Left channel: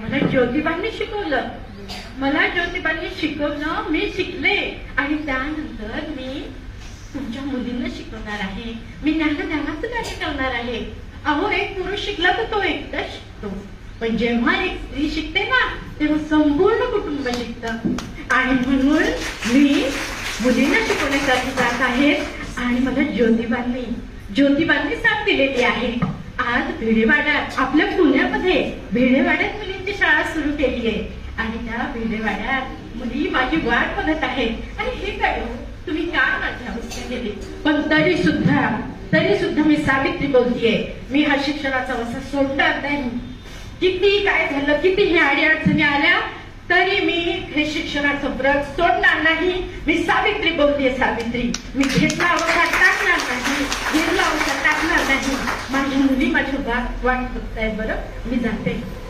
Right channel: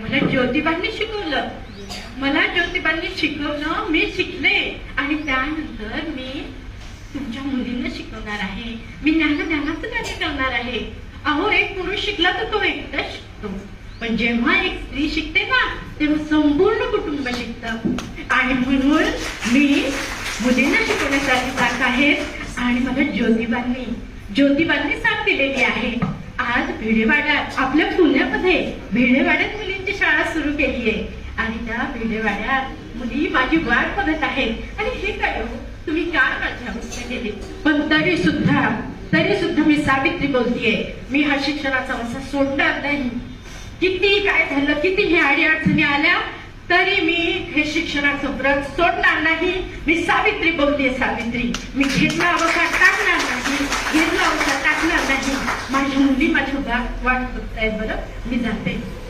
मला ज्योतिबांनी शिकवलं, मला ज्योतिबांनी शिकवलं, मी शिकले आणि त्यानंतर मी तुमच्या मुलींना शिकवणार आहे. मी ज्ञानाचं कार्य करणार आहे. अहो, एक पुरुष शिकला तर तो एकटाच शिकतो, पण जेव्हा एक स्त्री शिकते ना तेव्हा संपूर्ण कुटुंब शिकतं. आणि म्हणून मी मुलींना शिकवण्यासाठी जात आहे. आणि मला ज्योतिबांनी साथ दिलेली आहे. आज भिडेवाड्यात, आपल्या पुण्यामध्ये भिडेवाड्यात मुलींची शाळा सुरू केली आहे. आणि त्या भिडेवाड्यात मुली माझी वाट बघत आहेत. आणि हे काय हो, तुम्ही का माझ्या हस्ते गेले? पण तरी सुद्धा मी सावित्री बोलतीये. मी हा शिक्षणाचा वसा सोडणार नाही. किती काय झालं, किती हे अडीअडचणी आल्या, तरी मी हे शिक्षणाचं व्रत सोडणार नाही. मी सावित्री बोलतेय, सावित्री. मी घेतला अवकाश टाकणार नाही, माझ्या मुली माझ्या वाट बघतायत. बरं, मी जाते.